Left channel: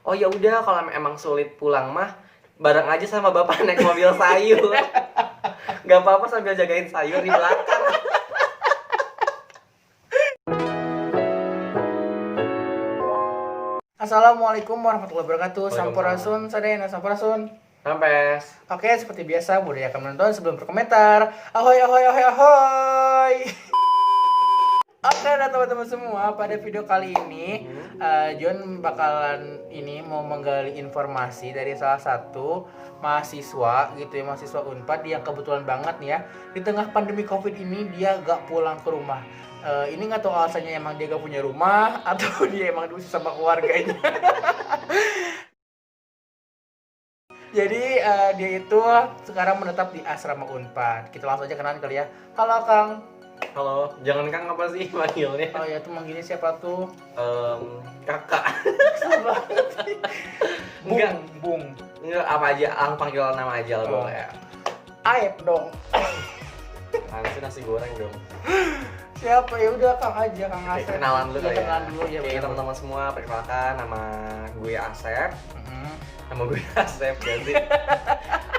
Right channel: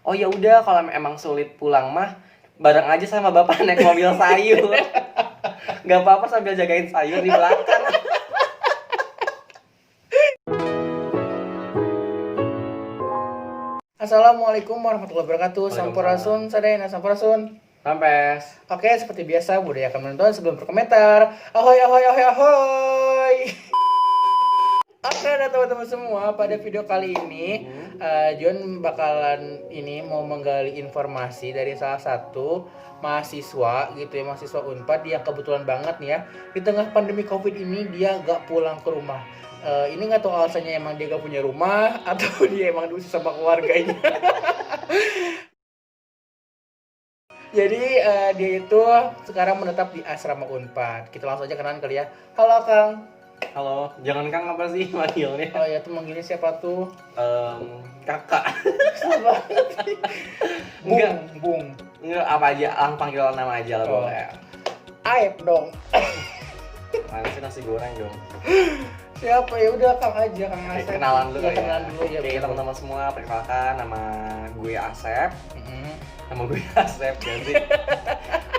Oh ya udah, kalau emang sulit pulang mah bareng aja sama bapak naik mobil sayur. Gak apa-apa sambil jagain sayur di belakang. Assalamualaikum warahmatullahi wabarakatuh. Sampurasun, sadayana sampurasun. Sampes. Oke, seperti biasa budayakan menonton sebelum berkomentar. Ahoy ahoy ahoy ahoy. Oke, nah teman-teman semua, pada video kali ini John bakalan mau menggali informasi dari salah satu mahasiswa gitu ya, mahasiswa Unpad yang kebetulan banget nih ya, di tengah pandemi Covid ini dia gak pulang ke rumah. Ini nggak tahu alasannya, emang dia gak punya rumah atau dia emang diusir sama keluarganya. Jadi dia itu sekarang menetap di asrama Unpad. Kita langsung aja kenalan kali ya. Halo Kang. Halo, jangan Kang apa sih manggilnya? Oh ya, tuh manggilnya siapa tuh? Kakak. Bung. Enggak, apa aja, panggilan nama aja lah boleh. Aep dong. Nanti nasi goreng dong. Siapa ya, udah Kang aja, Kang Oke, Asep. kenalan dulu kali ya. Kenalan dulu ya. Oke, teman-teman semua, perkenalkan nama gue Asep. Nama gue Asep jadi.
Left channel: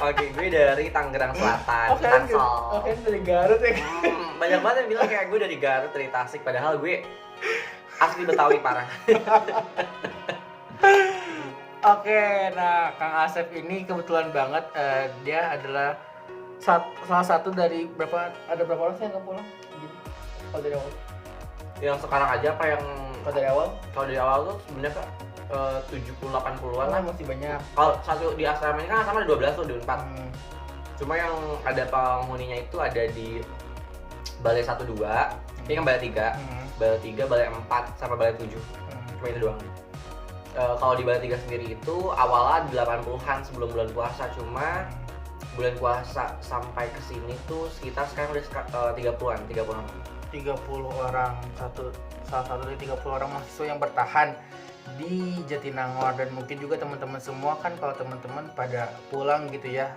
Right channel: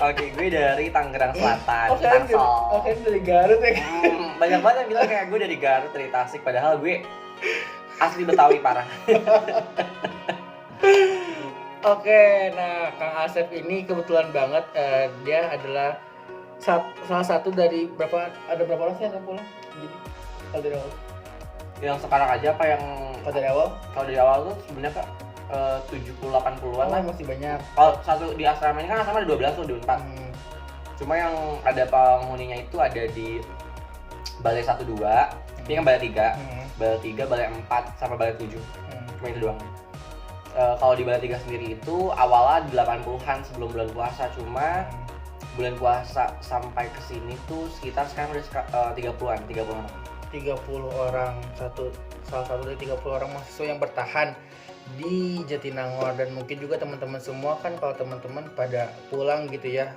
Oke, gue dari Tangerang Selatan. Oke, dari Garut ya. Banyak banget yang bilang kayak gue dari Garut, dari Tasik, padahal gue asli Betawi parah. Oke, nah Kang Asep ini kebetulan banget dia adalah salah satu dari berapa orang sih yang nggak pulang? Kalau dari awal? Yang sekarang aja apa yang Kalau dari awal? Kalau dari awal tuh sebenarnya Kak 70-80-an lah. Masih banyak. Kalau satu di asrama ini kan asrama ada 12 tuh di Unpad. Cuma yang ada penghuninya itu ada di balai 1 2. Ini kan balai 3. Balai 3, balai 4 sama balai 7. Cuma itu doang. Kalau di balai 3 sendiri itu awalnya 80-an sebelum bulan puasa, cuma bulan puasa sampai ke sini tuh sekitar sekarang udah 30-an, 30 orang. 30 orang, salah satu dari 30 orang mahasiswa yang bertahan di Jatinangor. Dan mungkin juga teman-teman semua kan, kalau teman-teman pada pulang gitu ya,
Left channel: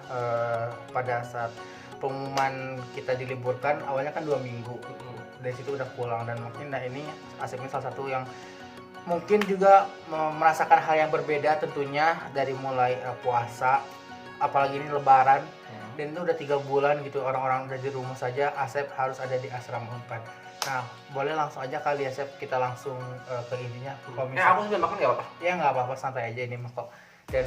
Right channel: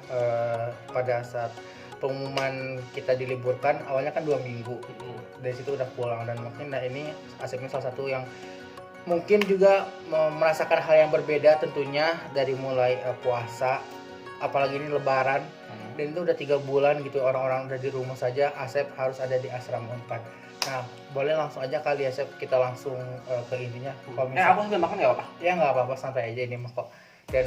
pada saat pengumuman kita diliburkan awalnya kan 2 minggu, dari situ udah pulang. Dan mungkin ini Asep ini salah satu yang mungkin juga merasakan hal yang berbeda tentunya, dari mulai puasa, apalagi ini lebaran. Dan itu udah 3 bulan gitu orang-orang udah di rumah saja, Asep harus ada di asrama Unpad. Nah, boleh langsung aja kali ya Asep, kita langsung ke intinya. Aku sudah makan nggak apa-apa? Ya nggak apa-apa, santai aja ini mah kok. Dan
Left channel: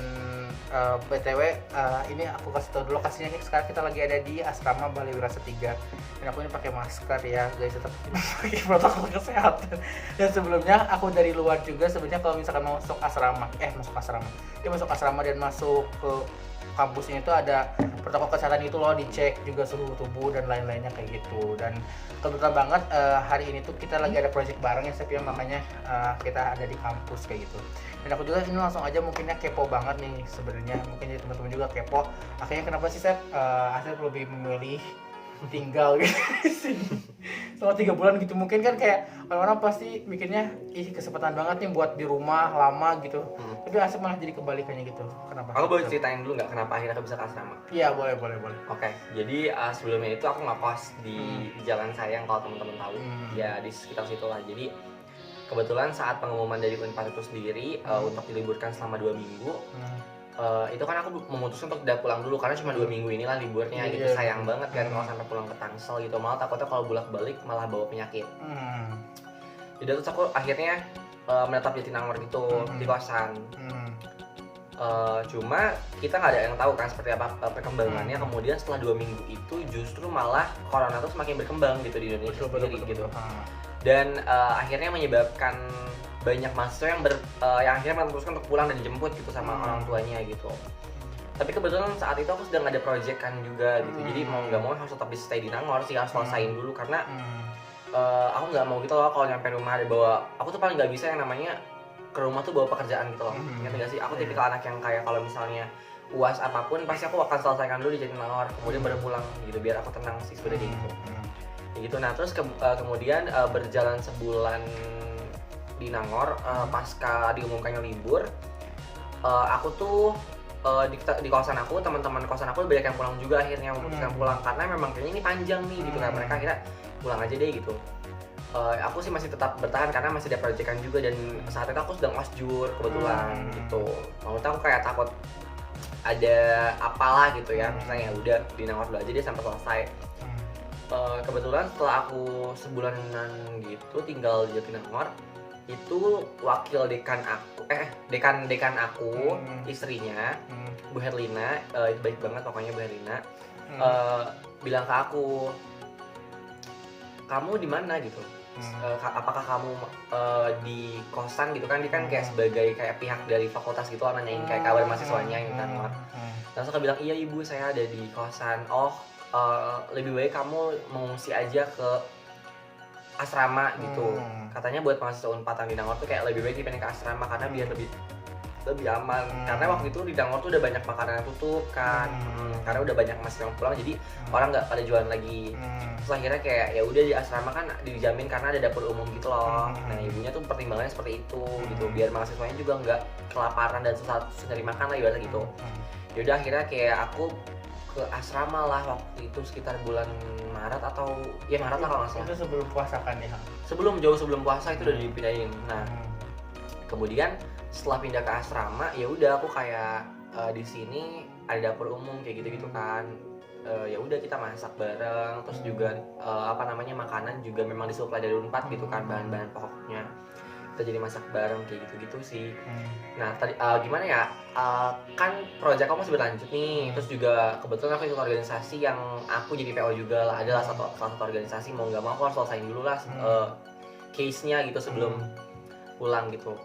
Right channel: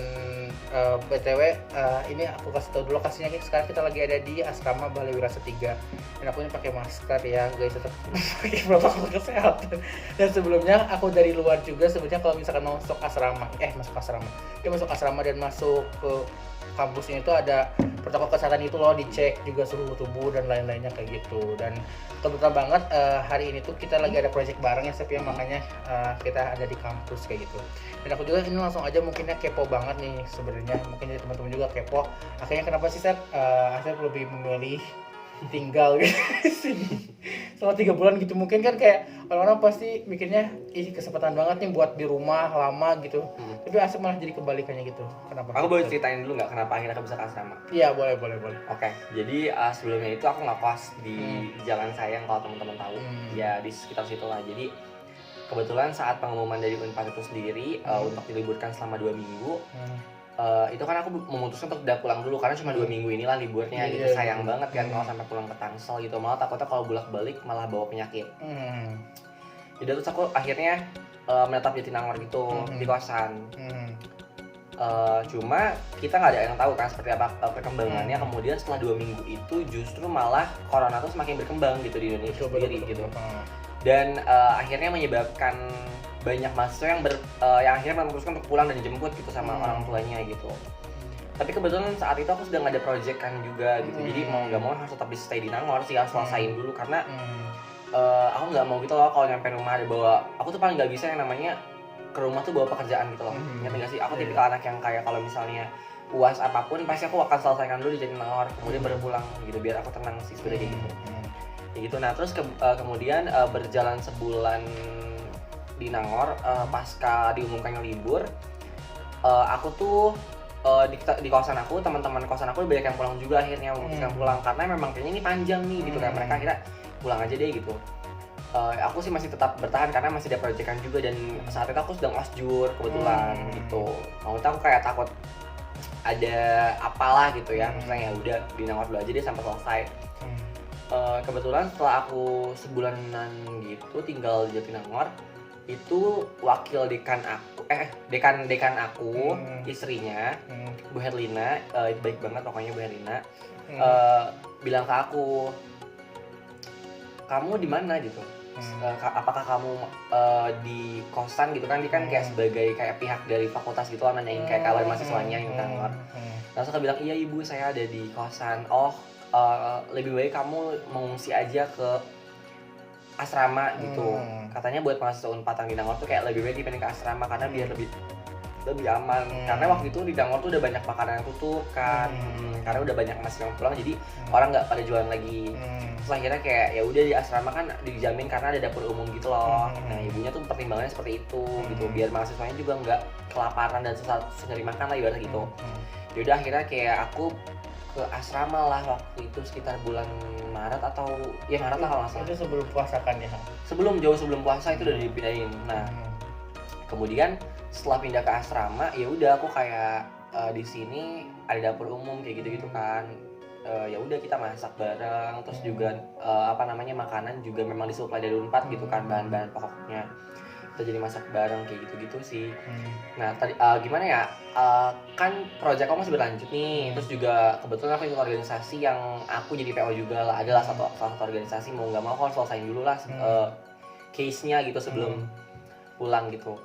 BTW ini aku kasih tau dulu lokasinya, sekarang kita lagi ada di asrama Balai Wirasa 3. Dan aku ini pakai masker ya guys, tetap pakai protokol kesehatan. Dan sebelumnya aku dari luar juga sebenarnya, kalau misalkan mau masuk asrama dan masuk ke kampusnya itu ada protokol kesehatan itu loh, dicek juga suhu tubuh dan lain-lainnya kayak gitu. Dan kebetulan banget hari ini tuh kita lagi ada project bareng ya Sep ya, makanya kita ada di kampus kayak gitu. Dan aku juga ini langsung aja mungkinnya kepo banget nih sebenarnya, mungkin jadi teman-teman juga kepo. Akhirnya kenapa sih Sep Asep lebih memilih tinggal gitu selama 3 bulan gitu? Mungkin kan kayak orang-orang pasti mikirnya kesempatan banget nih buat di rumah lama gitu. Tapi Asep malah jadi kebalikannya gitu. Kenapa? Aku boleh ceritain dulu nggak kenapa akhirnya aku bisa ke asrama? Iya, boleh. Oke, jadi sebelumnya itu aku ngekos di Jalan Sayang, kalau teman-teman tahu. Ya di sekitar situ lah. Jadi kebetulan saat pengumuman dari Unpad itu sendiri untuk diliburkan selama 2 minggu, itu kan aku memutuskan untuk tidak pulang dulu karena cuma 2 minggu inilah liburnya gitu. Sayang banget kan kalau sampai pulang ke Tangsel gitu, malah takutnya kalau bolak-balik malah bawa penyakit. Jadi terus aku akhirnya menetap di Jatinangor gitu, di kosan. Cuma kita nggak ada yang tahu kan seperti apa perkembangannya. Kemudian setelah 2 minggu itu justru malah corona tuh semakin berkembang gitu di Indonesia sendiri gitu. Dan akhirnya menyebabkan banyak mahasiswa yang akhirnya memutuskan untuk pulang dan dijemput gitu sama orang tuanya gitu. Tapi kebetulan saat itu aku sedang ada project kan juga gitu. Jadi mau nggak mau harus tetap stay di Nangor sih, harus selesain dulu karena aku nggak mau gitu loh kalau nyampe rumah ada bawa. Aku tuh paling nggak bisa yang namanya ke rumah tuh bawa pekerjaan gitu loh. Ngerti nggak sih? Aku tipikal anak yang kayak kalau misalnya UAS apapun pasti aku akan selesaikan dulu di Jatinangor, kemudian baru pulang gitu biar aku tenang sih sebenarnya gitu. Ya gitu. Nah terus kemudian berjalan sebulan di Nangor, pasca diumumkannya libur, aku tuh di kosan aku, teman-teman kosan aku banyak yang pulang juga, akhirnya memutuskan pulang karena memang kayaknya ini panjang nih gitu kan. Mereka kira pulang aja deh gitu. aku sih masih tetap bertahan karena masih ada proyekan juga, dan saat itu aku sedang osjur kebetulan gitu. Mau tahu kayak takut ada apalah gitu ya, misalnya ya udah di Nangor dulu aja dia sampai selesai. Kebetulan setelah aku sebulanan gitu tinggal di Jatinangor, itu wakil dekan aku dekan aku istrinya Bu Herlina, baik banget pokoknya Bu Herlina, bilang ke aku, kamu di mana gitu, apakah kamu di kosan gitu kan, dia kan kayak sebagai kayak pihak dari fakultas gitu, nanyain kayak kabar mahasiswanya yang Nangor. Langsung aku bilang, iya ibu saya ada di kosan. Oh, lebih baik kamu mengungsi aja ke asrama gitu. Katanya buat mahasiswa Unpad di Nangor tuh kayak lebih baik dipindah ke asrama karena biar lebih aman. Karena waktu itu di Nangor tuh udah banyak makanan yang tutup kan, karena udah banyak mahasiswa yang pulang, jadi orang nggak pada jualan lagi. Terus akhirnya kayak ya udah di asrama kan dijamin karena ada dapur umum gitu loh. Nah ibunya tuh pertimbangannya seperti itu gitu, biar mahasiswanya juga nggak kelaparan dan susah nyari makan lah ibaratnya gitu. Yaudah akhirnya kayak aku ke asrama lah waktu itu sekitar bulan Maret atau ya Maret lah kalau nggak salah. Itu sebelum puasa kan ya? Jauh sebelum puasa itu udah dipindahin. Nah kemudian setelah pindah ke asrama ya udah aku kayak di sini ada dapur umum kayak gitu kan. Ya udah kita masak bareng, terus juga makanan juga memang disuplai dari Unpad gitu kan, bahan-bahan pokoknya kita jadi masak bareng kayak gitu sih. Nah tadi gimana ya, kan proyek kamu masih berlanjut nih, terus juga kebetulan aku ikut organisasi yang aku jadi PO juga lah, adalah salah satu organisasi, mau nggak mau aku harus selesaiin dulu lah case-nya gitu sebelum pulang gitu.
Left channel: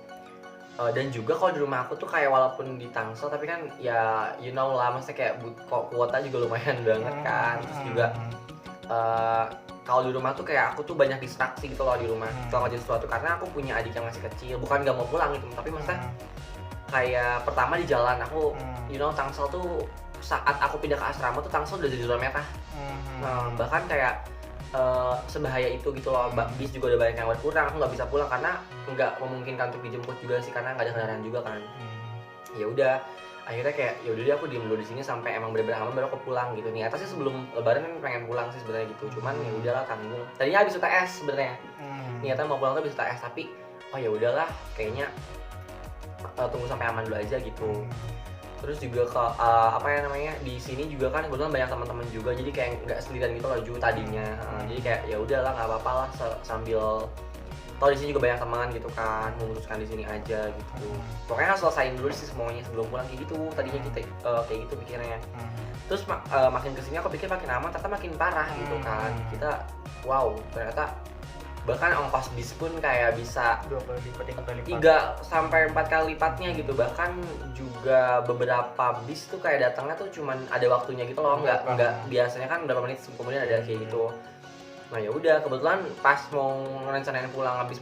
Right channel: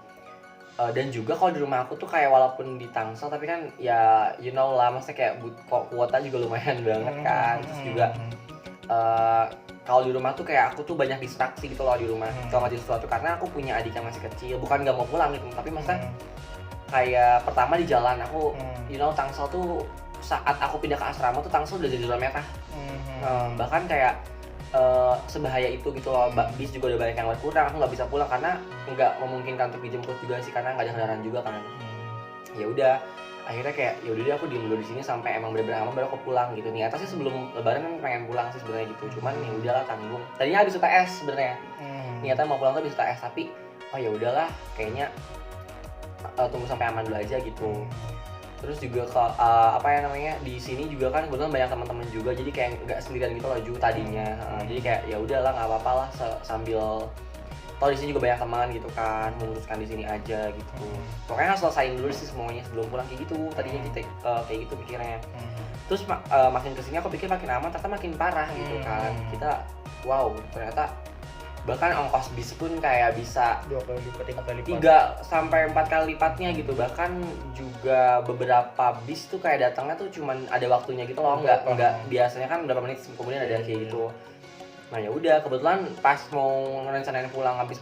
Dan juga kalau di rumah aku tuh kayak walaupun di Tangsel tapi kan ya you know lah, maksudnya kayak kuota juga lumayan banget kan. Terus juga kalau di rumah tuh kayak aku tuh banyak distraksi gitu loh di rumah selama jadi sesuatu, karena aku punya adik yang masih kecil, bukan nggak mau pulang gitu, tapi maksudnya kayak pertama di jalan aku you know Tangsel tuh saat aku pindah ke asrama tuh Tangsel udah jadi zona merah. Bahkan kayak sebahaya itu gitu loh, bis juga udah banyak yang berkurang, aku nggak bisa pulang karena nggak memungkinkan untuk dijemput juga sih karena nggak ada kendaraan juga kan. Ya udah akhirnya kayak ya udah deh aku diem dulu di sini sampai emang bener-bener aman baru aku pulang gitu. Niatnya sih sebelum lebaran kan pengen pulang sih sebenarnya gitu, cuman ya udahlah tanggung. Tadinya habis UTS sebenarnya niatnya mau pulang tuh habis UTS, tapi oh ya udahlah kayaknya tunggu sampai aman dulu aja gitu. Terus juga di sini juga kan kebetulan banyak teman-teman juga, jadi kayak nggak sendirian gitu loh Ju tadinya. Jadi kayak ya udahlah nggak apa-apa lah sambil toh di sini juga banyak teman gitu kan, memutuskan di sini aja gitu. Pokoknya harus selesaiin dulu sih semuanya sebelum pulang kayak gitu. Tadinya kita kayak gitu pikirnya. Terus makin kesini aku pikir makin aman, ternyata makin parah gitu kan. Kita wow ternyata bahkan ongkos bis pun kayak bisa 2 kali lipat, 3 kali lipat, 3 sampai 4 kali lipatnya gitu. Bahkan juga beberapa bis tuh kayak datangnya tuh cuman ada waktunya gitu loh, nggak biasanya kan berapa menit kemudian ada kayak gitu. Nah ya udah kebetulan pas mau rencanain pulang habis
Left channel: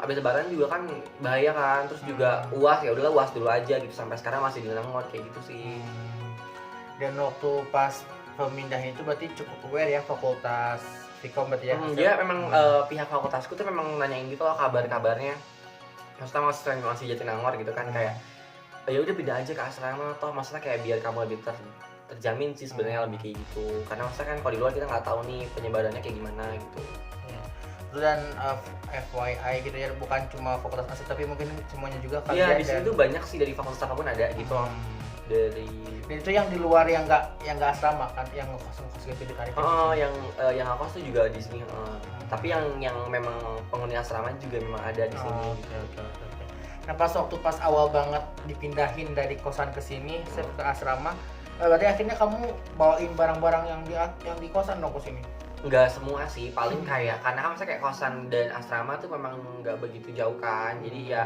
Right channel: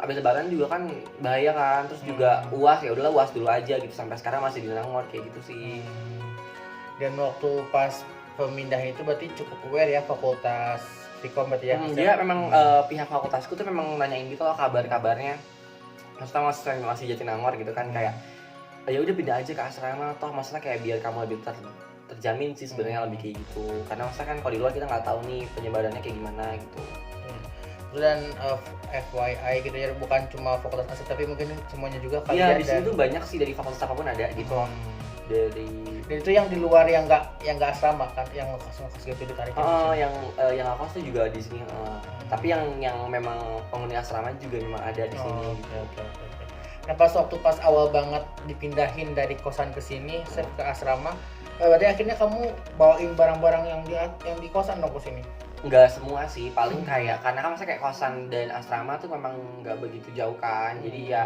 lebaran juga kan bahaya kan, terus juga UAS ya udahlah UAS dulu aja gitu, sampai sekarang masih di Nangor kayak gitu sih. Dan waktu pas pemindahan itu berarti cukup aware ya fakultas Vkom berarti ya? Dia memang pihak fakultasku tuh memang nanyain gitu loh kabarnya. Maksudnya masih Jatinangor gitu kan, kayak ya udah pindah aja ke asrama toh, maksudnya kayak biar kamu lebih terjamin sih sebenarnya lebih kayak gitu. Karena maksudnya kan kalau di luar kita nggak tahu nih penyebarannya kayak gimana gitu. Dan FYI gitu ya, bukan cuma fakultas asli tapi mungkin semuanya juga kalian. Iya di sini tuh banyak sih dari fakultas apapun ada gitu. Dan itu yang di luar yang nggak asrama kan, yang ngekos gitu ditarik. Yang ngekos tuh juga di sini. Tapi yang memang penghuni asrama juga memang ada di sini. Gitu. Nah pas awal banget dipindahin dari kosan ke sini, ke asrama, berarti akhirnya kamu bawain barang-barang yang di kosan dong ke sini? Enggak semua sih, paling kayak karena kan masa kayak kosan dan asrama tuh memang nggak begitu jauh kan, jadi ya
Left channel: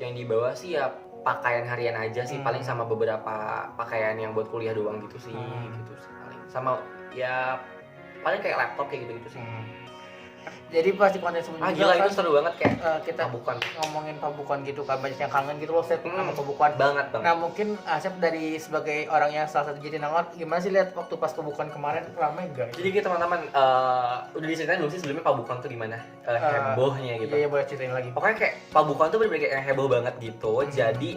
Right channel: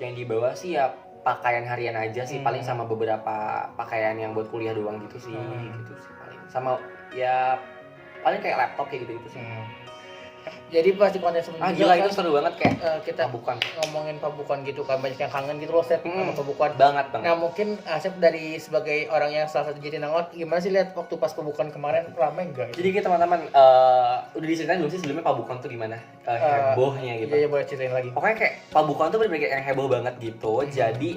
yang dibawa sih ya pakaian harian aja sih, paling sama beberapa pakaian yang buat kuliah doang gitu sih, gitu sih paling. Sama ya paling kayak laptop kayak gitu sih. Jadi pasti konten sebelumnya gila kan, itu seru banget kayak kita Pabukan. Ngomongin Pabukan gitu kan, banyak yang kangen gitu loh Sep sama Pabukan banget. Nah mungkin Sep dari sebagai orang yang salah satu Jatinangor, gimana sih lihat waktu pas Pabukan kemarin, ramai nggak? Jadi gitu teman-teman, udah diceritain belum sih sebelumnya Pabukan tuh gimana hebohnya gitu? Iya boleh ceritain lagi. Pokoknya kayak Pabukan tuh bener-bener kayak yang heboh banget gitu. Jadi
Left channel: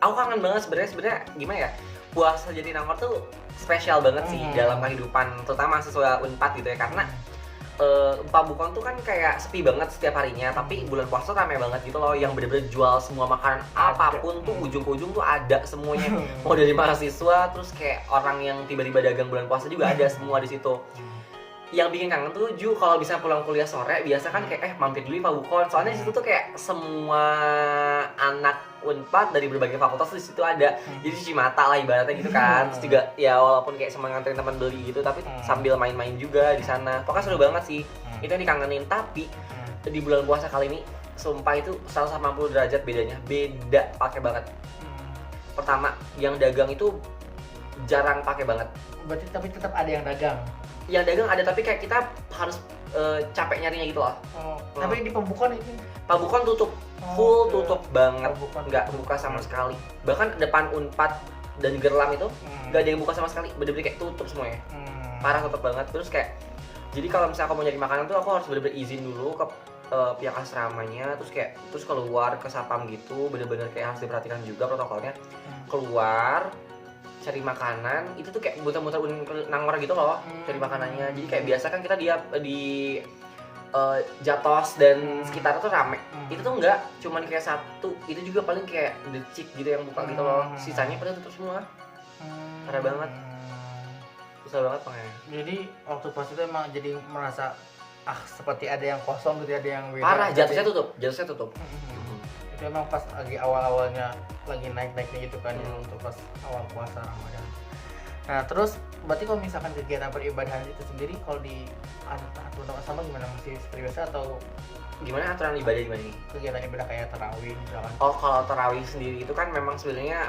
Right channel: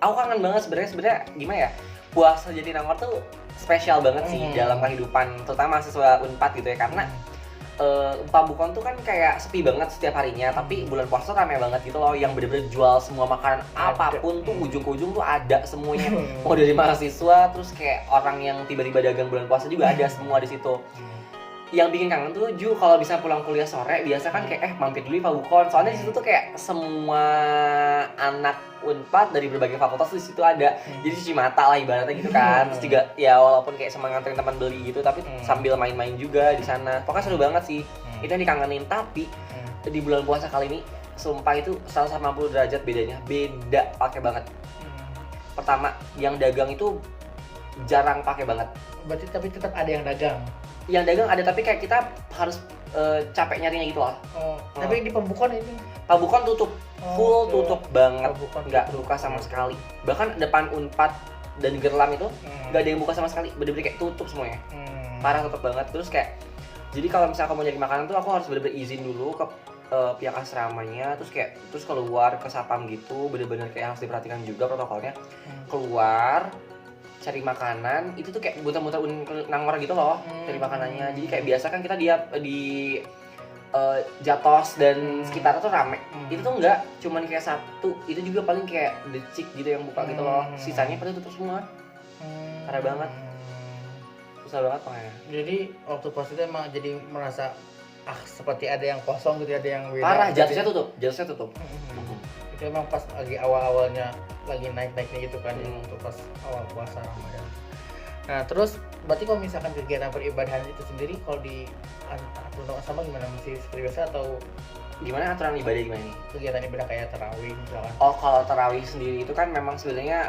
aku kangen banget sebenarnya gimana ya, puasa Jatinangor tuh spesial banget sih dalam kehidupan terutama mahasiswa Unpad gitu ya, karena Pak Bukon tuh kan kayak sepi banget setiap harinya, tapi bulan puasa rame banget gitu loh, yang bener-bener jual semua makanan apapun tuh ujung ke ujung tuh ada semuanya. Mau dari mahasiswa, terus kayak orang yang tiba-tiba dagang bulan puasa juga ada semua di situ. Yang bikin kangen tuh Ju, kalau bisa pulang kuliah sore biasa kan kayak mampir dulu di Pak Bukon. Soalnya di situ tuh kayak semua anak Unpad dari berbagai fakultas tuh di situ ada. Jadi cuci mata lah ibaratnya gitu kan. Terus juga ya walaupun kayak sama nganterin teman beli gitu, tapi sambil main-main juga di sana. Pokoknya seru banget sih. Itu yang dikangenin. Tapi di bulan puasa kali ini sumpah itu 180 derajat bedanya. Beda pakai banget. Pertama, yang dagang itu jarang pakai banget. Berarti tapi tetap ada yang dagang. Yang dagang ada, tapi kayak kita harus capek nyarinya gitu loh. Tapi di Pembukon ini Pak Bukon tutup, full tutup banget, Pembukon nggak buka sama sekali. Bahkan depan Unpad dan Gerlam itu nggak ada yang buka sama sekali, bener-bener kayak tutup semuanya. Parah, tutup banget. Terus kayak, jadi kalau misalnya aku mau nyari makanan tuh aku harus bener-bener izin dulu ke pihak asramanya, terus keluar ke sapam gitu, bener-bener kayak harus diperhatikan juga protokolnya. Keluar cari makanan itu tuh kayak muter-muter nangor gitu loh, cari makanannya. Jadi kayak biasa kan kita di Jatos dan sekitarnya tuh rame. Itu tuh enggak, cuman kayak satu, itu juga paling kayak decik gitu yang buka gitu loh. Sisanya pada tutup semua. Parah banget. Susah banget makanya. Jadi waktu pas itu emang jadi merasa seperti ada yang kosong gitu, ada yang beda. Parah, jatuhnya tutup. Itu emang pas lagi awal-awalnya lagi naik-naiknya gitu kan, untuk pas awal puasa Ramadan. Nah terus berarti kalau misalkan kegiatan peribadahan itu sendiri kalau di aturan sama gimana, masih seperti biasa atau gimana aturan ibadah gimana nih? Kegiatan ibadah kayak tarawih misalkan? Oh, kalau tarawih sendiri itu kan memang sebenarnya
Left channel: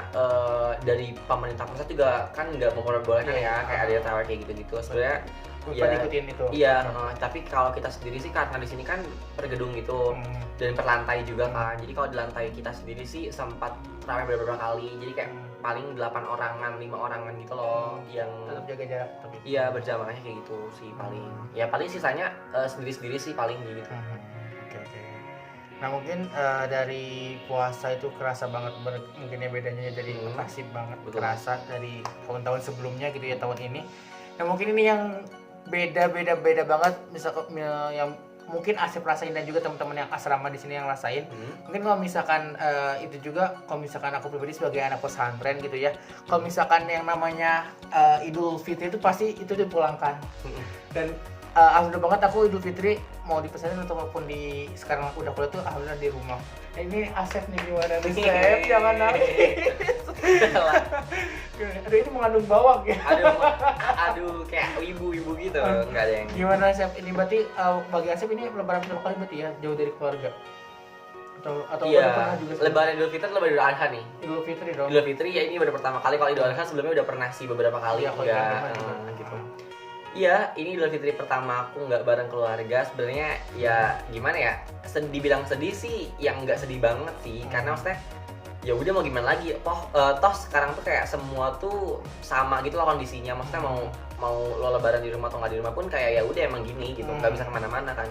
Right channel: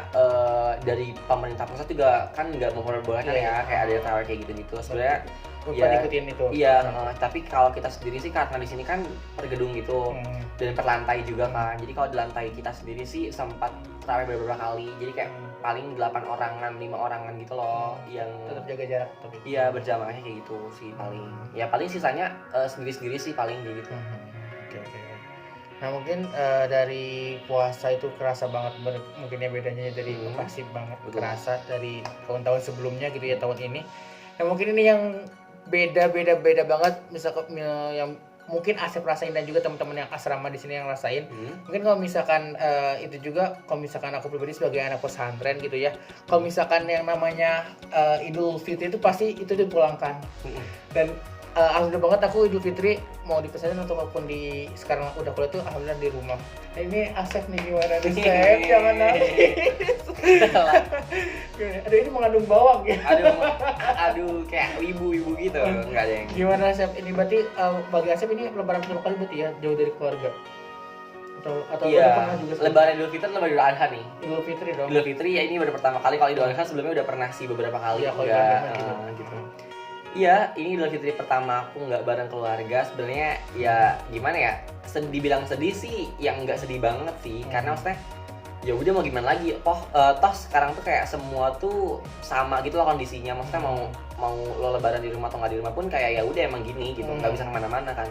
dari pemerintah pusat juga kan nggak memperbolehkan ya, kayak ada tarawih kayak gitu-gitu. Sebenarnya ya, ikutin itu. Iya, tapi kalau kita sendiri sih karena di sini kan per gedung gitu dan per lantai juga kan. Jadi kalau di lantai kita sendiri sih sempat tarawih beberapa kali. Jadi kayak paling 8 orangan, 5 orangan gitu loh, yang tetap jaga jarak tapi. Iya, berjamaahnya kayak gitu sih paling. Ya paling sisanya sendiri-sendiri sih paling gitu. Oke. Nah mungkin dari puasa itu kerasa banget mungkinnya bedanya dari masih banget. Betul. Kerasa dari tahun-tahun sebelumnya gitu ya, tahun ini. Nah mungkin ini yang beda banget, misalkan yang mungkin Asep rasain dan juga teman-teman yang asrama di sini yang rasain. Mungkin kalau misalkan itu juga, kalau misalkan aku pribadi sebagai anak pesantren gitu ya, kalau misalkan yang namanya Idul Fitri itu pasti itu dipulangkan. Dan alhamdulillah banget aku Idul Fitri mau di pesantren ataupun di sekarang udah kuliah tuh alhamdulillah di rumah. Nah, ini Asep nih gimana nih Asep? Jangan nangis. Aduh ini mengandung bawang ya. Aduh kayak ibu-ibu gitu. Enggak ada yang. Gimana Asep? Ini berarti bagi Asep ini lebaran pertama kali berarti ya, jauh dari keluarga. Atau iya, udah pernah juga? Lebaran Idul Fitri, Lebaran Idul Adha nih. Idul Fitri dong. Idul Fitri ya ini baru pertama kali. Kalau Idul Adha sebelumnya udah pernah sih beberapa kali. Iya, gitu. Iya, ini Idul Fitri pertama aku nggak bareng keluarga. Sebenarnya ya gimana ya, dibilang sedih sih, yang nggak sedih banget sih, karena maksudnya ya udah mau gimana lagi, toh sekarang tuh kayak semua tuh sama gitu loh kondisinya. Maksudnya mau lo lebaran di rumah atau nggak di rumah pun kayak ya udah emang gini gitu, nggak bisa kemana-mana kan.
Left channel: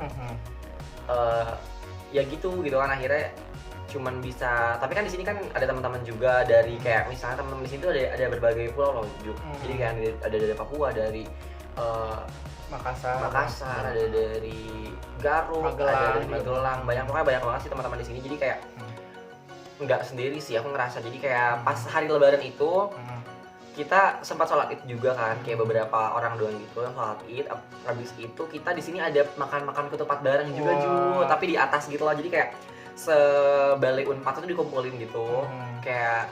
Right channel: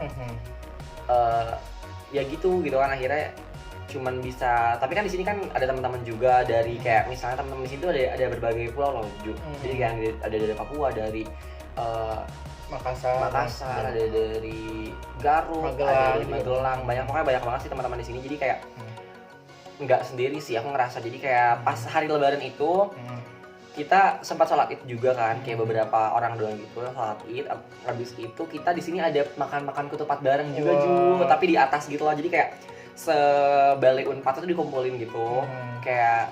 Ya gitu kan akhirnya cuman bisa, tapi kan di sini kan ada teman-teman juga dari kayak misalnya teman-teman di sini tuh ada berbagai pulau loh, jadi kan ada dari Papua, dari Makassar, ada dari Garut, ada dari Magelang, pokoknya banyak banget sih teman-teman di sini. Jadi kayak nggak sendiri sih aku ngerasa. Jadi kayak pas hari Lebaran itu kita sempat sholat id juga kan, kayak beberapa orang doang gitu yang sholat id. Habis itu kita di sini ada makan ketupat bareng juga tapi di atas gitu loh. Jadi kayak sebalai Unpad itu dikumpulin gitu, kayak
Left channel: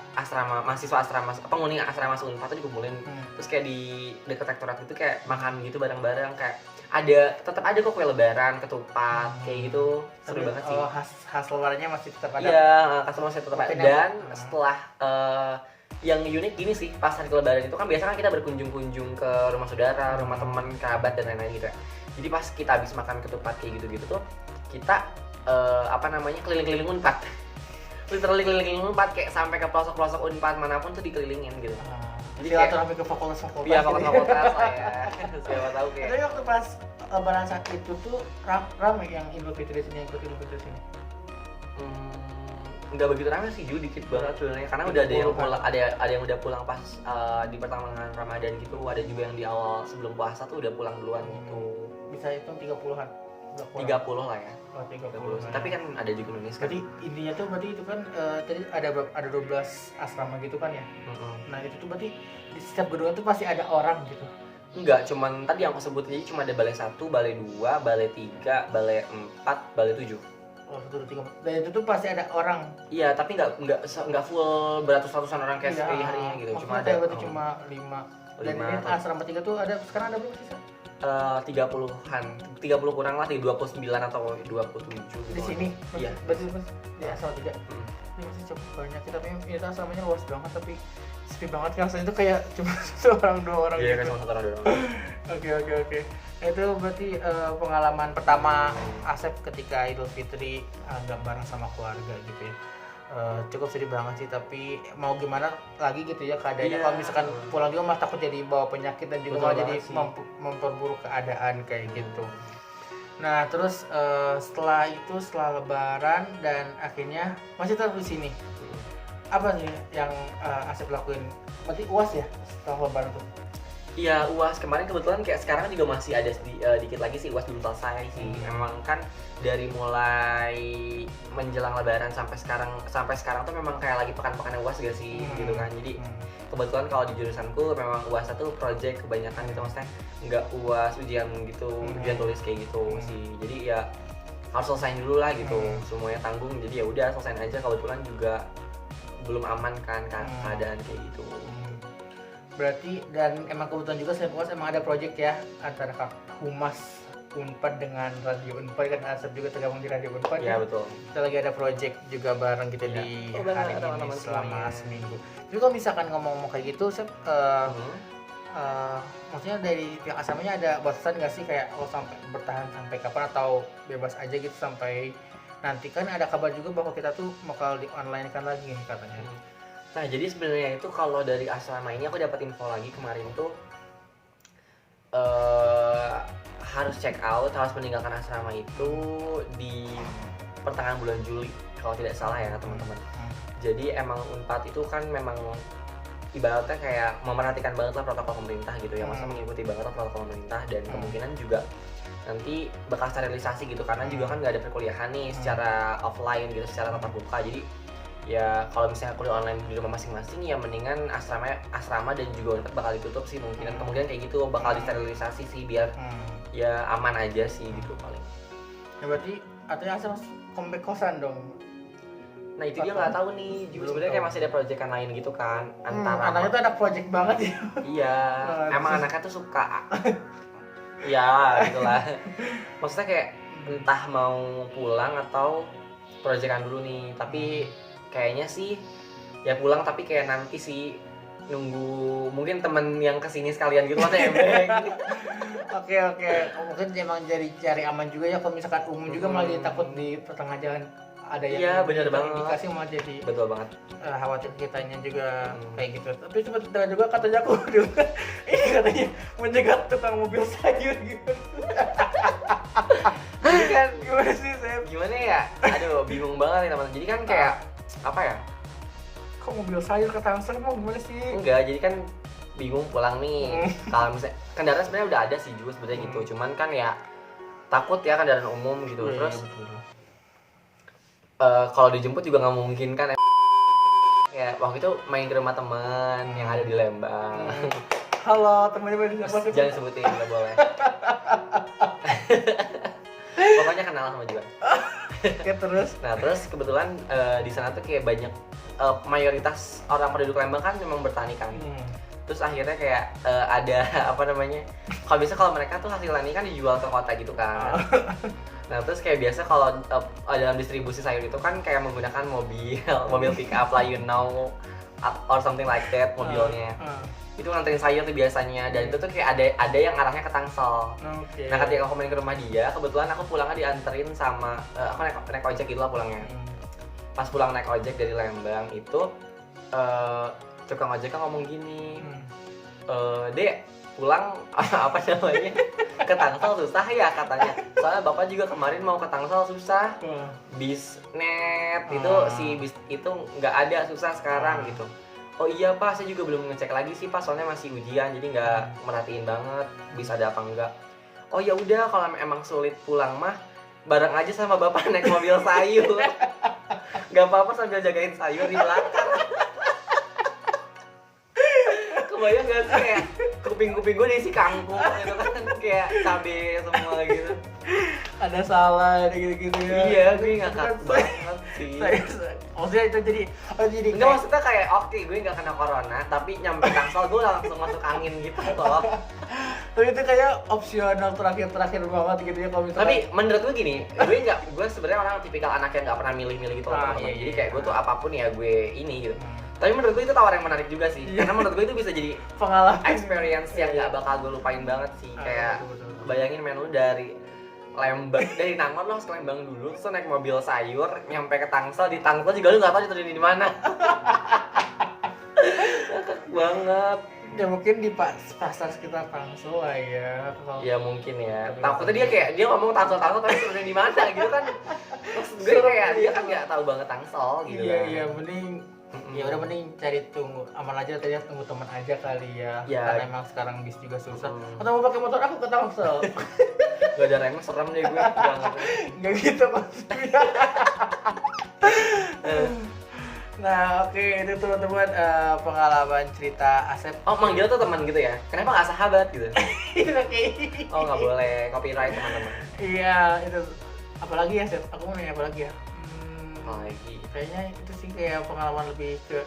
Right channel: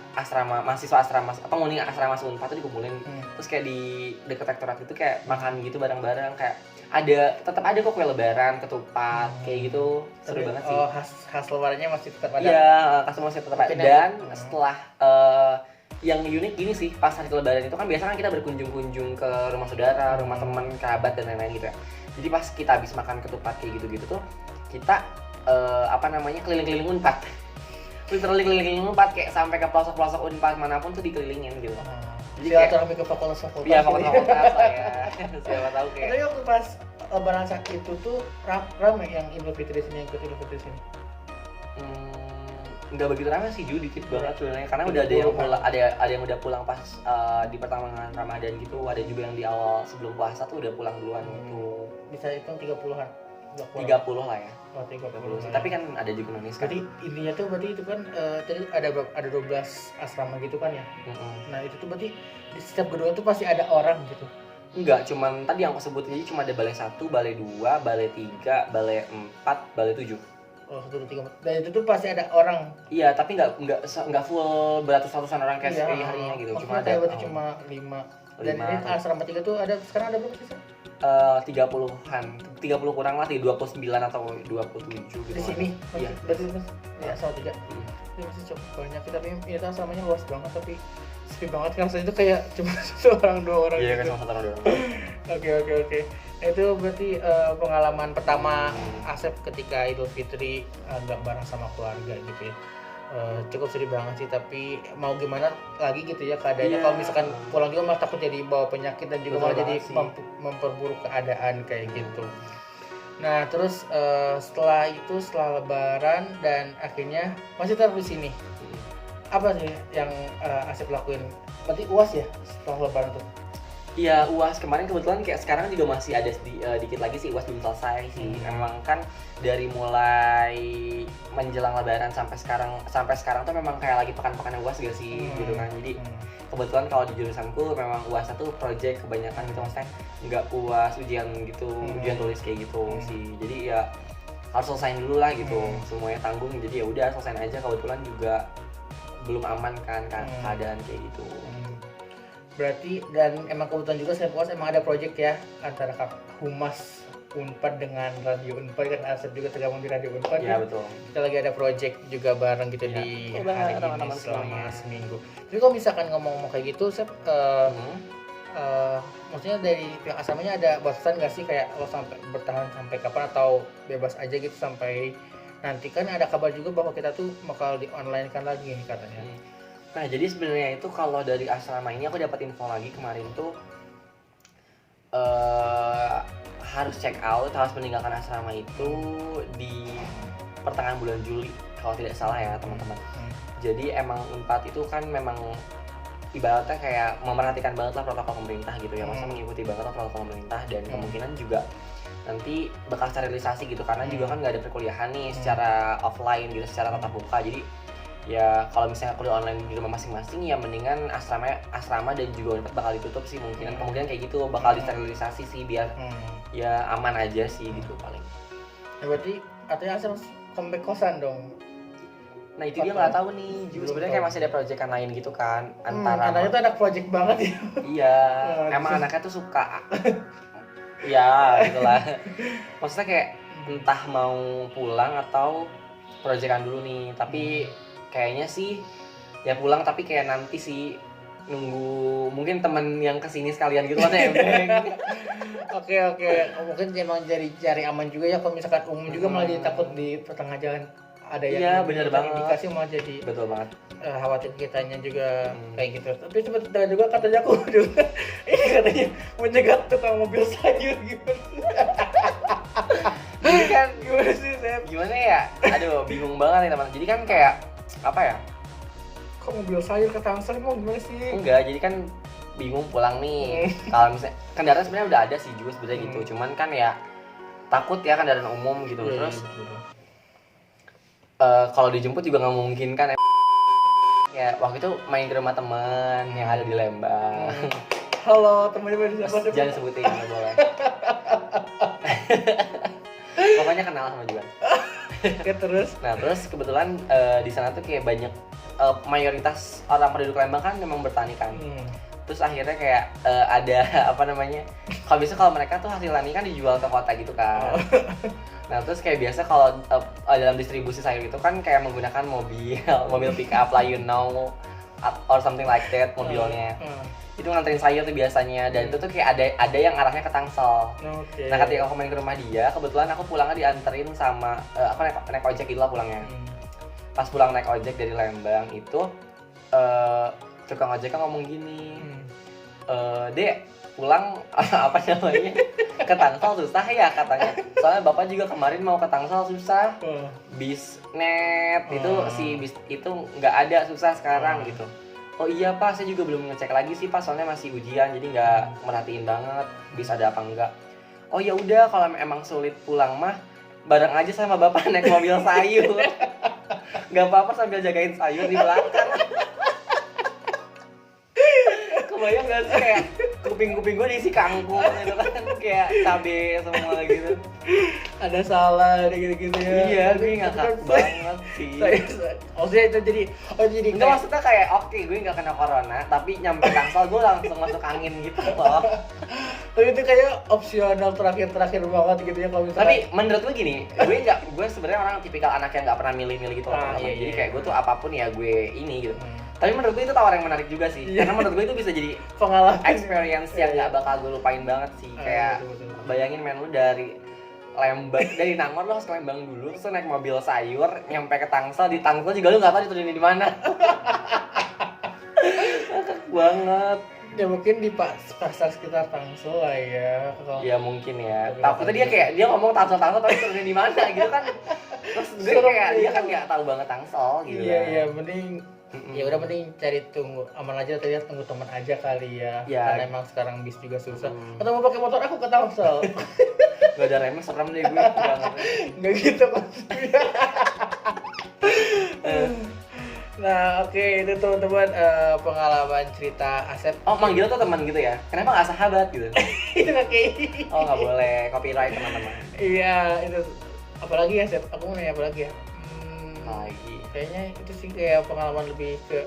mahasiswa asrama, penghuni asrama Unpad itu dikumpulin, terus kayak di dekat rektorat itu kayak makan gitu bareng-bareng, kayak tetap ada kok kue lebaran, ketupat, kayak gitu. Seru banget sih. Khas lebarannya masih tetap ada. Iya, khas masih tetap ada. Dan setelah yang unik gini sih, pas hari lebaran itu kan biasa kan kita berkunjung-kunjung ke rumah saudara, rumah teman, kerabat dan lain-lain gitu ya. Jadi pas kita habis makan ketupat kayak gitu-gitu tuh, kita keliling-keliling Unpad. Literally keliling Unpad, kayak sampai ke pelosok-pelosok Unpad manapun tuh dikelilingin gitu. Jadi silaturahmi ke fakultas-fakultas. Iya, fakultas lah ya. Siapa tahu kayak. Tapi waktu pas lebaran saat itu tuh ramai yang Idul Fitri sini, yang ikut Idul Fitri sini. Nggak begitu ramai sih, dikit banget sebenarnya, karena udah ada yang pulang, ada yang udah pulang pas di pertengahan Ramadan gitu, ada juga yang di awal sebelum puasa tuh udah pulang duluan gitu. bisa hitung 30-an. 30 lah ya. Oh, 30. Tapi kan ada juga Indonesia. Berarti intinya tuh berarti itu kan tadi ada 12 asrama gitu kan ya. Nah, itu tuh berarti di setiap gedung itu pasti ada orang gitu. Enggak, cuman tadi yang aku sebut jadi cuma ada balai 1, balai 2, balai 3, balai 4, balai 7. Oh, 1, 2, 3. Dan itu tuh pasti ada orang. Iya, tapi enggak full beratus-ratusan orang kayak harinya gitu. Cuma ada berarti cuma 5. Dan ini asrama 3 tuh ada sekarang ada berapa sih? 30-an, 30 kurang lah, 29 atau 27 gitu. Di sini? Iya. Berarti ya asrama 3. Ini masih cukup banyak, tapi ini asramanya luas banget, tapi sepi banget kan, rasanya itu kayak cuma 1 orang 2 orang iya, gitu. kan cuma 1 orang 2 orang. Oke. Itu berarti pengalaman pertama Asep ketika Idul Fitri nggak bareng sama keluarga gitu ya. Cukup sedih banget sih, tapi mau gimana lagi gitu ya keadaannya. Kalau misalkan pulang juga malah takut jadi bawa penyakit dan juga malah jadi memperburuk keadaan kayak gitu. Nah terus setelah lebaran dan akhirnya masih tetap di sini. Apa sih yang Asep lakuin? Berarti UAS ya setelah lebaran tuh? Iya, UAS kemarin kebetulan kayak sekarang juga masih ada dikit lagi sih UAS belum selesai sih. Emang kan dari mulai menjelang lebaran sampai sekarang tuh memang kayak lagi pekan-pekan UAS gak sih gitu kan. Jadi kebetulan kalau di jurusanku memang UAS itu project kebanyakan gitu, maksudnya nggak UAS ujian gitu, ujian tulis kayak gitu sih. Jadi ya harus selesaiin dulu lah gitu, semuanya tanggung. Jadi ya udah selesain aja, kebetulan juga belum aman kan keadaan kayak gitu. Berarti dan emang kebetulan juga selain UAS emang ada project ya antara Kak Humas Unpad dengan Radio Unpad, kan Asep juga tergabung di Radio Unpad. Iya betul. Kita lagi ada project juga bareng gitu di hari ini selama seminggu. Jadi kalau misalkan ngomong kayak gitu, Sep, maksudnya dari pihak asramanya ada batasan nggak sih kayak lo sampai bertahan sampai kapan atau bebas aja gitu sampai nanti? Kan ada kabar juga bahwa kita tuh bakal di online kan lagi katanya. Nah jadi sebenarnya itu kalau dari asrama ini aku dapat info lagi kemarin tuh harus check out, harus meninggalkan asrama itu di pertengahan bulan Juli kalau tidak salah ya teman-teman. Jadi emang Unpad itu kan memang ibaratnya kayak memperhatikan banget lah protokol pemerintah gitu ya, masa mengikuti banget lah protokol pemerintah, dan kemungkinan juga nanti bakal sterilisasi gitu karena juga kan nggak ada perkuliahan nih secara offline gitu, secara tatap muka. Jadi ya kalau misalnya kuliah online di rumah masing-masing ya mendingan asrama dan juga Unpad bakal ditutup sih, kemungkinan kayak gitu, bakal disterilisasi sih biar ya aman aja sih gitu paling. Ya berarti artinya Asep comeback kosan dong. Nah itu dia nggak tahu nih, sebenarnya kayak masih ada proyekan lain gitu kan antara anaknya tuh anak project banget ya. Iya, emang anaknya tuh suka ya gitulah, maksudnya kayak entah mau pulang atau proyekan dulu nih, tapi kayaknya sih ya pulang, tapi kayak nanti sih nunggu mungkin temen yang kesini sekalian gitu kan nebeng. Oke, mungkin emang cari aman juga ya, kalau misalkan umum juga malah jadi takut di pertengah jalan ada yang iya, bener banget, indikasi malah jadi betul banget, khawatir kitanya juga kayak gitu. Tapi cepet juga katanya aku juga ini katanya mencegat tukang mobil sayur gitu. jadi kan Gimana sih Sep? gimana ya, aduh bingung banget nih teman. Jadi kan kayak apa ya, Kok mobil sayur ke Tangsel mau gimana sih? enggak, jadi kan bingung pulang nih. Kalau misalnya kendaraan sebenarnya udah ada sih juga sebenarnya gitu, cuman kan ya takut ya kendaraan umum gitu. Terus kalau dijemput juga nggak mungkin kan ya. Waktu itu main ke rumah teman yang ada di Lembang. Halo, teman-teman siapa? Jangan sebutin, nggak boleh. Pokoknya kenal sama juga. Oke, terus? Nah terus kebetulan di sana tuh kayak banyak mayoritas orang penduduk Lembang kan memang bertani kan. Terus akhirnya kayak ada apa namanya, kalau mereka tuh hasil tani kan dijual ke kota gitu kan. Nah terus kayak biasa kalau dalam distribusi sayur itu kan kayak menggunakan mobil pick up lah, you know, or something like that mobilnya. Itu nganterin sayur tuh biasanya, dan itu tuh kayak ada yang arahnya ke Tangsel. Nah ketika aku main ke rumah dia, kebetulan aku pulangnya dianterin sama aku naik ojek gitu lah pulangnya. Pas pulang naik ojek dari Lembang itu tukang ojeknya ngomong gini, Dek pulang apa namanya ke Tangsel susah ya katanya, soalnya bapak juga kemarin mau ke Tangsel susah, bisnet itu si bis itu nggak ada, susah sekarang gitu. Oh iya pak, saya juga belum ngecek lagi sih pak, soalnya masih ujian jadi nggak merhatiin banget bis ada apa enggak. oh ya udah kalau emang sulit pulang mah bareng aja sama bapak naik mobil sayur. Gak apa-apa sambil jagain sayur di belakang. Kebayang gak sih kayak kuping-kuping gue diisi kangkung gitu kan, kayak cabe semua gitu. Ada salah ada gitu-gitu ya. Iya, gue ngakak banget sih. Maksudnya itu jadi enggak, maksudnya kayak oke, gue gak kena corona tapi nyampe Tangsel gue langsung masuk angin gitu loh. Tapi itu kayak opsional terakhir banget gitu ya kalau misalkan. Tapi menurut gue gini, gue sebenarnya orang tipikal anak yang gak pernah milih-milih gitu loh, teman-teman. Iya, Jadi iya. kayak gue tuh apapun ya gue ini gitu. Tapi menurut gue itu tawaran yang menarik juga sih. Karena menurut gue itu bisa jadi pengalaman experience yang gak bakal gue lupain banget sih. Kayak betul. bayangin men, lu dari Lembang, dari Nangor lo harus ke Lembang dulu, terus naik mobil sayur nyampe ke Tangsel, di Tangsel juga lu nggak tahu diturunin di mana. Ngakak banget. Ya mungkin di pasar sekitar Tangsel lah ya. Ya mungkin ya. Takutnya dia ngomong Tangsel tapi turunin di mana gitu kan. Terus gue kayak dia kan nggak tahu banget Tangsel gitu. Iya, mending ya udah mending cari tunggu aman aja tadi, tunggu teman aja kali ya. Karena emang sekarang bis juga susah. Atau mau pakai motor aku ke Tangsel. Gak ada remnya, serem deh gue. Nggak gitu maksudnya. Nah oke, itu teman-teman pengalaman cerita Asep. Oh, manggil tuh teman gitu ya? Kenapa nggak sahabat gitu? Itu oke. Oh, nggak boleh, copyright teman-teman. Iya, itu apalagi ya Asep? Aku mau nanya apa lagi ya? Lagi. Kayaknya itu sih kayak pengalaman lebih ke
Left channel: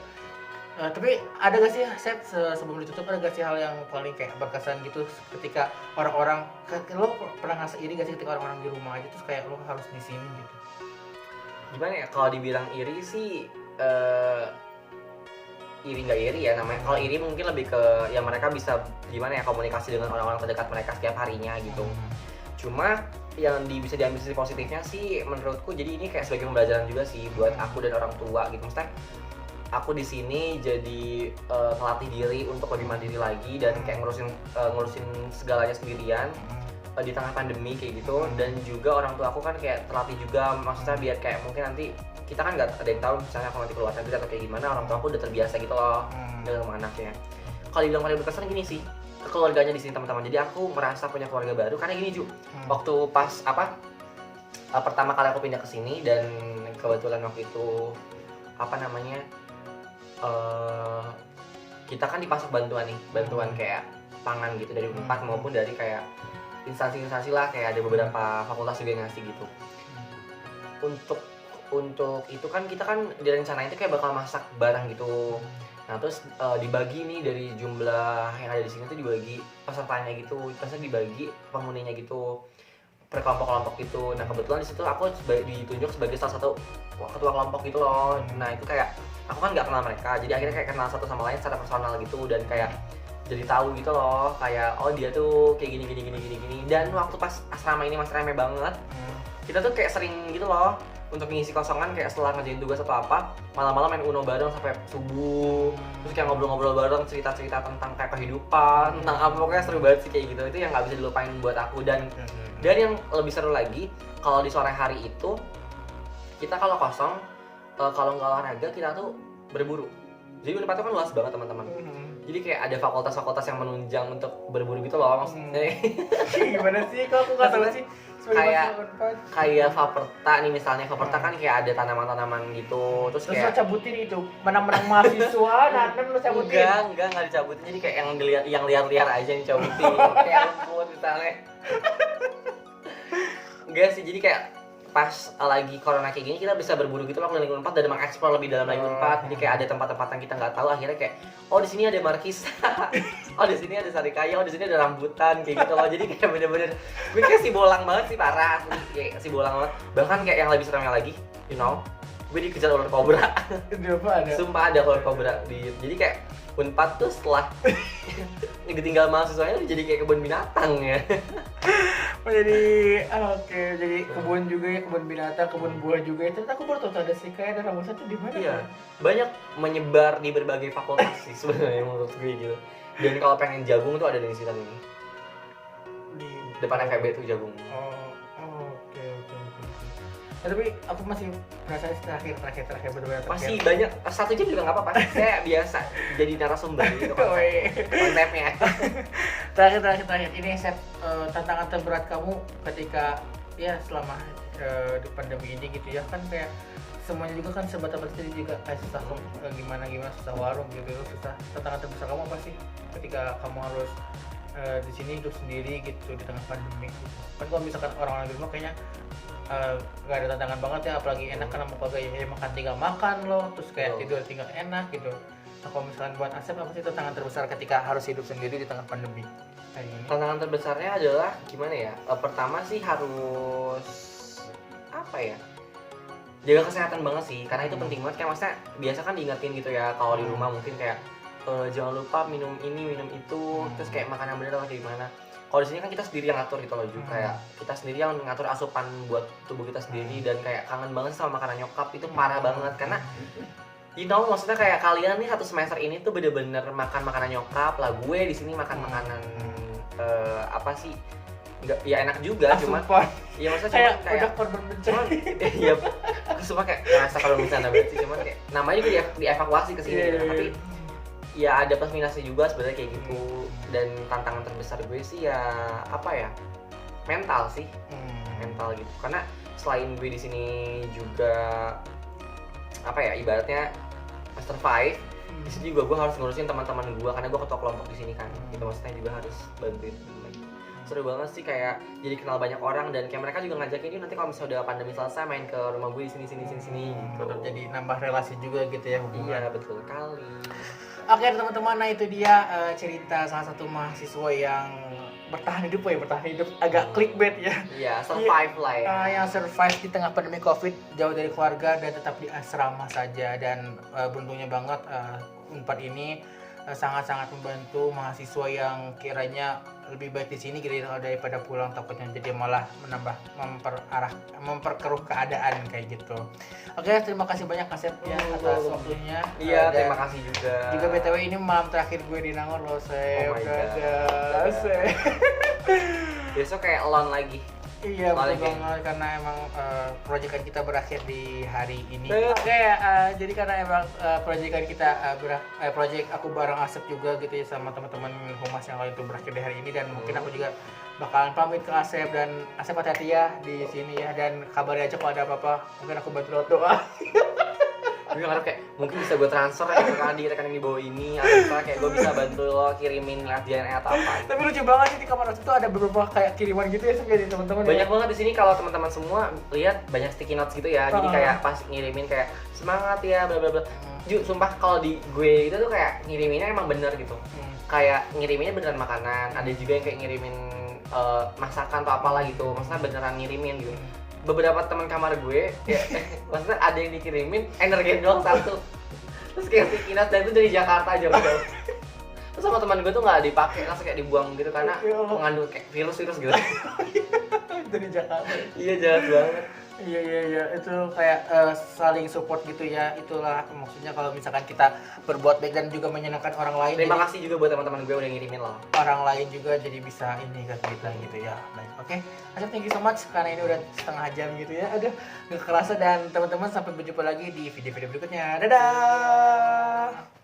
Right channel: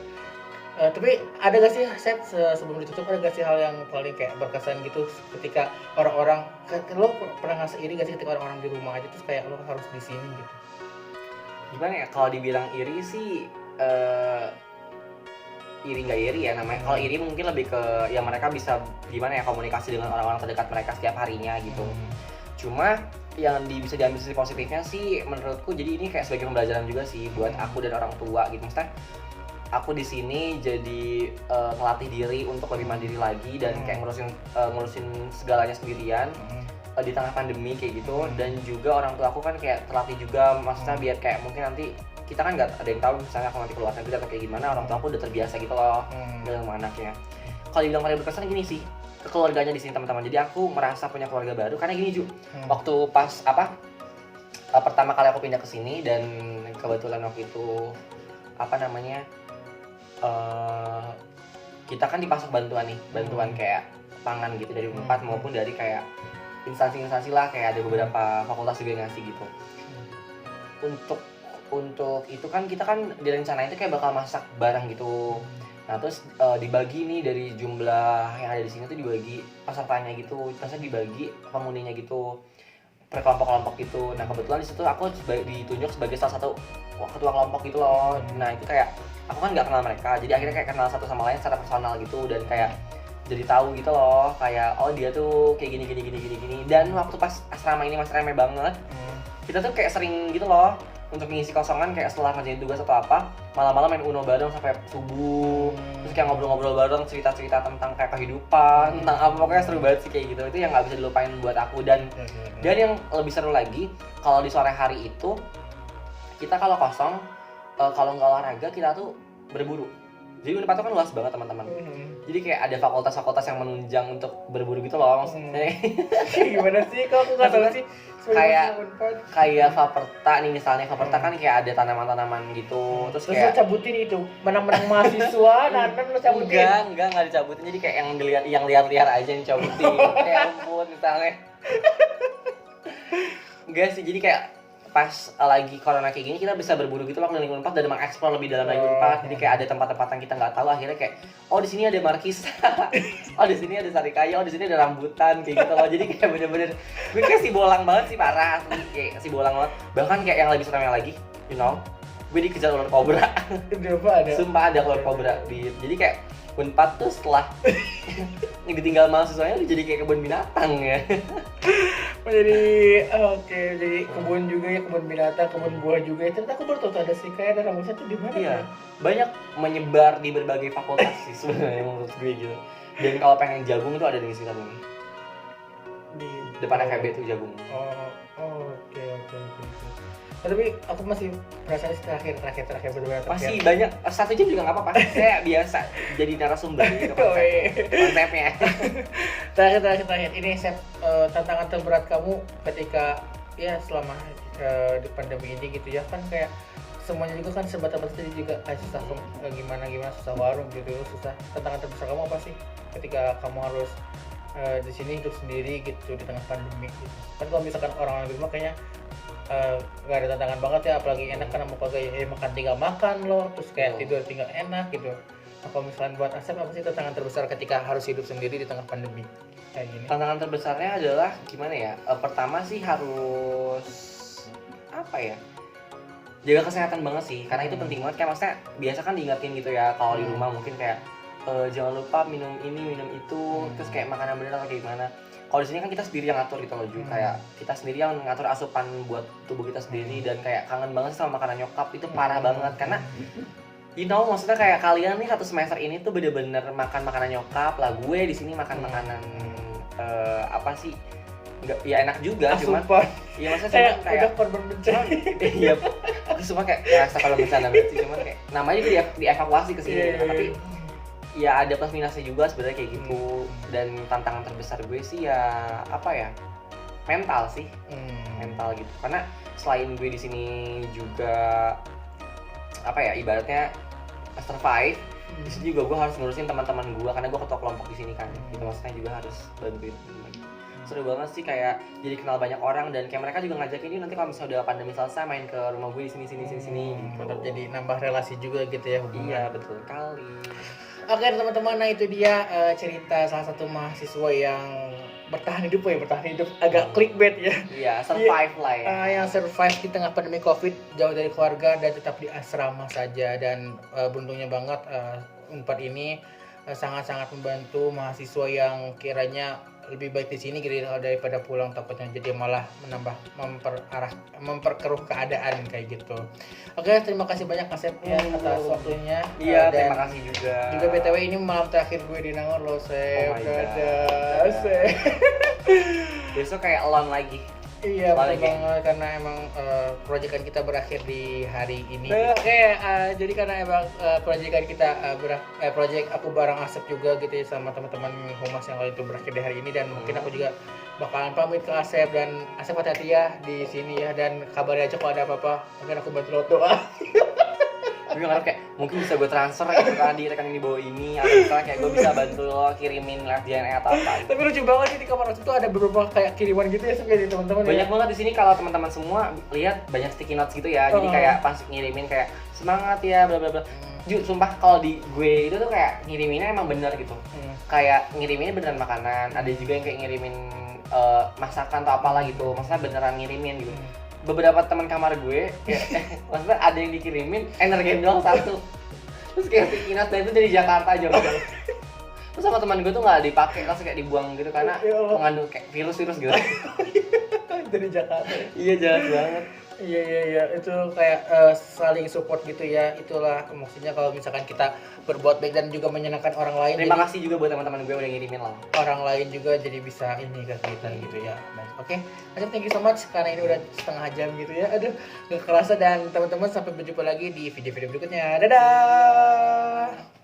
tapi ada gak sih Asep sebelum ditutup, ada gak sih hal yang paling kayak berkesan gitu ketika orang-orang, lo pernah ngerasa iri gak sih ketika orang-orang di rumah aja terus kayak lo harus di sini gitu? Gimana ya, kalau dibilang iri sih iri nggak iri ya namanya. Kalau iri mungkin lebih ke ya mereka bisa gimana ya komunikasi dengan orang-orang terdekat mereka setiap harinya gitu. Cuma yang bisa diambil sisi positifnya sih menurutku, jadi ini kayak sebagai pembelajaran juga sih buat aku dan orang tua gitu. Maksudnya aku di sini jadi melatih diri untuk lebih mandiri lagi dan kayak ngurusin segalanya sendirian di tengah pandemi kayak gitu. Dan juga orang tua aku kan kayak terlatih juga, maksudnya biar kayak mungkin nanti kita kan nggak ada yang tahu misalnya aku nanti keluar negeri atau kayak gimana, orang tua aku udah terbiasa gitu loh dengan sama anaknya. Kalau dibilang paling berkesan gini sih, keluarganya di sini teman-teman. Jadi aku merasa punya keluarga baru karena gini Ju, waktu pas pertama kali aku pindah ke sini dan kebetulan waktu itu kita kan dipasok bantuan kayak pangan gitu dari Unpad maupun dari kayak instansi-instansi lah, kayak ada beberapa fakultas juga yang ngasih gitu. Untuk itu kan kita kan direncanain itu kayak bakal masak bareng gitu. Nah terus dibagi nih dari jumlah yang ada di sini tuh dibagi pesertanya gitu, terusnya dibagi penghuninya gitu per kelompok-kelompok gitu. Nah kebetulan di situ aku ditunjuk sebagai salah satu ketua kelompok gitu loh. Nah itu kayak aku kan nggak kenal mereka, jadi akhirnya kayak kenal satu sama lain secara personal gitu, dan kayak jadi tahu gitu loh kayak oh dia tuh kayak gini. Dan waktu pas asrama ini masih rame banget, kita tuh kayak sering gitu loh untuk mengisi kosongan, kayak setelah ngerjain tugas atau apa malam-malam main Uno bareng sampai subuh, terus kayak ngobrol-ngobrol bareng, cerita-cerita tentang kayak kehidupan, tentang apa, pokoknya seru banget sih kayak gitu. Itu yang nggak bisa dilupain buat aku. Dan yang lebih seru lagi kalau di sore hari itu kita kalau kosong, kalau nggak olahraga kita tuh berburu. Jadi Unpad itu kan luas banget teman-teman. Jadi kayak ada fakultas-fakultas yang menunjang untuk berburu gitu loh maksudnya. Gimana sih? Kok aku nggak tahu sih. Kayak Faperta nih misalnya, Faperta kan kayak ada tanaman-tanaman gitu. Terus kayak lo cabutin itu, menang-menang mahasiswa, nanti lo cabutin. Enggak dicabutin. Jadi kayak yang liar-liar aja yang cabutin. Kayak rumput misalnya. Enggak sih, jadi kayak pas lagi corona kayak gini kita bisa berburu gitu loh keliling Unpad dan mengeksplor lebih dalam lagi Unpad. Jadi kayak ada tempat-tempat yang kita nggak tahu, akhirnya kayak oh di sini ada markisa, oh di sini ada sarikaya, oh di sini ada rambutan kayak gitu loh. Jadi kayak bener-bener gue kayak si bolang banget sih, parah asli, kayak si bolang banget. Bahkan kayak yang lebih seremnya lagi, gue dikejar ular kobra. Sumpah ada ular kobra jadi kayak Unpad tuh setelah ditinggal mahasiswanya jadi kayak kebun binatang ya. Jadi jadi kebun juga ya, kebun binatang, kebun buah juga ya. Ternyata aku baru tahu ada sih kayak ada rambutan tuh di mana? Iya, banyak menyebar di berbagai fakultas sih sebenarnya menurut gue gitu. Dan kalau pengen jagung tuh ada di sini di depan FEB tuh jagung. Oke. Tapi aku masih merasa terakhir berdua masih banyak, 1 jam juga nggak apa-apa. Saya biasa jadi narasumber gitu konsepnya. Terakhir ini Sep, tantangan terberat kamu ketika ya selama di pandemi ini gitu ya, kan kayak semuanya juga kan serba terbatas juga kayak susah gimana susah warung gitu, susah. Tantangan terbesar kamu apa sih ketika kamu harus di sini hidup sendiri gitu di tengah pandemi gitu? Kan kalau misalkan orang di rumah kayaknya nggak ada tantangan banget ya, apalagi enak karena mau kayak makan tinggal makan loh, terus kayak tidur tinggal enak gitu. Nah, kalau misalkan buat Asep apa sih tantangan terbesar ketika harus hidup sendiri di tengah pandemi kayak gini? Tantangan terbesarnya adalah gimana ya? Pertama sih harus apa ya? Jaga kesehatan banget sih, karena itu penting banget. Kayak maksudnya biasa kan diingetin gitu ya kalau di rumah mungkin kayak jangan lupa minum ini minum itu, terus kayak makanan bener atau kayak gimana. Kalau di sini kan kita sendiri yang ngatur gitu loh, Ju. Kayak kita sendiri yang ngatur asupan buat tubuh kita sendiri, dan kayak kangen banget sama makanan nyokap itu parah banget karena maksudnya kayak kalian nih 1 semester ini tuh bener-bener makan makanan nyokap lah, gue di sini makan makanan apa sih, nggak ya enak juga cuman ya maksudnya kayak udah korban bencana. Iya, aku suka kayak rasa kalau misalnya berarti cuman kayak namanya juga dievakuasi ke sini gitu. Tapi ya ada plus minusnya juga sebenarnya kayak gitu. Dan tantangan terbesar gue sih ya apa ya, mental sih, mental gitu, karena selain gue di sini juga apa ya ibaratnya survive, di sini juga gue harus ngurusin teman-teman gue karena gue ketua kelompok di sini kan, gitu maksudnya juga harus bantuin gitu. Seru banget sih, kayak jadi kenal banyak orang, dan kayak mereka juga ngajakin ini nanti kalau misalnya udah pandemi selesai main ke rumah gue di sini gitu. Jadi nambah relasi juga gitu ya hubungan. Iya betul kali. Oke teman-teman, nah itu dia cerita salah satu mahasiswa yang bertahan hidup agak clickbait ya. Iya, survive lah ya. Yang survive di tengah pandemi Covid, jauh dari keluarga dan tetap di asrama saja. Dan beruntungnya banget Unpad ini sangat-sangat membantu mahasiswa yang kiranya lebih baik di sini gitu daripada pulang, takutnya jadi malah memperkeruh keadaan kayak gitu. Oke, terima kasih banyak Asep ya atas waktunya. Iya, terima kasih juga. Juga BTW ini malam terakhir gue di Nangor loh, Sep. Besok kayak alone lagi. Iya, betul banget, karena emang proyekan kita berakhir di hari ini. Oke, jadi karena emang proyekan kita proyek aku bareng Asep juga gitu ya, sama teman-teman humas yang lain itu berakhir di hari ini, dan mungkin aku juga bakalan pamit ke Asep, dan Asep hati-hati ya di sini ya, dan kabari aja kalau ada apa-apa, mungkin aku bantu lo doa. Gue ngarep kayak mungkin bisa gue transfer gitu kan di rekening di bawah ini, atau misalnya kayak gue bisa bantu lo kirimin lab DNA atau apa gitu. Tapi lucu banget sih di kamar Asep tuh ada beberapa kayak kiriman gitu ya dari teman-teman. Banyak banget di sini, kalau teman-teman semua lihat banyak sticky notes gitu ya. Jadi kayak pas ngirimin kayak semangat ya bla bla bla. Sumpah kalau di gue itu tuh kayak ngiriminnya emang bener gitu. Kayak ngiriminnya beneran makanan, ada juga yang kayak ngirimin masakan atau apalah gitu. Maksudnya beneran ngirimin gitu. Beberapa teman kamar gue ya, maksudnya ada yang dikirimin energen doang 1, terus kayak sticky notes, dan itu dari Jakarta aja udah. Terus sama teman gue tuh nggak dipakai, langsung kayak dibuang gitu karena mengandung kayak virus gitu. Dari Jakarta. Iya, jahat banget. Iya, itu kayak saling support gitu ya. Itulah maksudnya kalau misalkan kita berbuat baik dan juga menyenangkan orang lain. Terima kasih juga buat teman-teman gue udah ngirimin loh. Orang lain juga jadi bisa ini ke kita gitu ya. Baik, oke. Asep, thank you so much karena ini udah setengah jam gitu ya. Aduh, gak kerasa. Dan teman-teman sampai berjumpa lagi di video-video berikutnya. Dadah.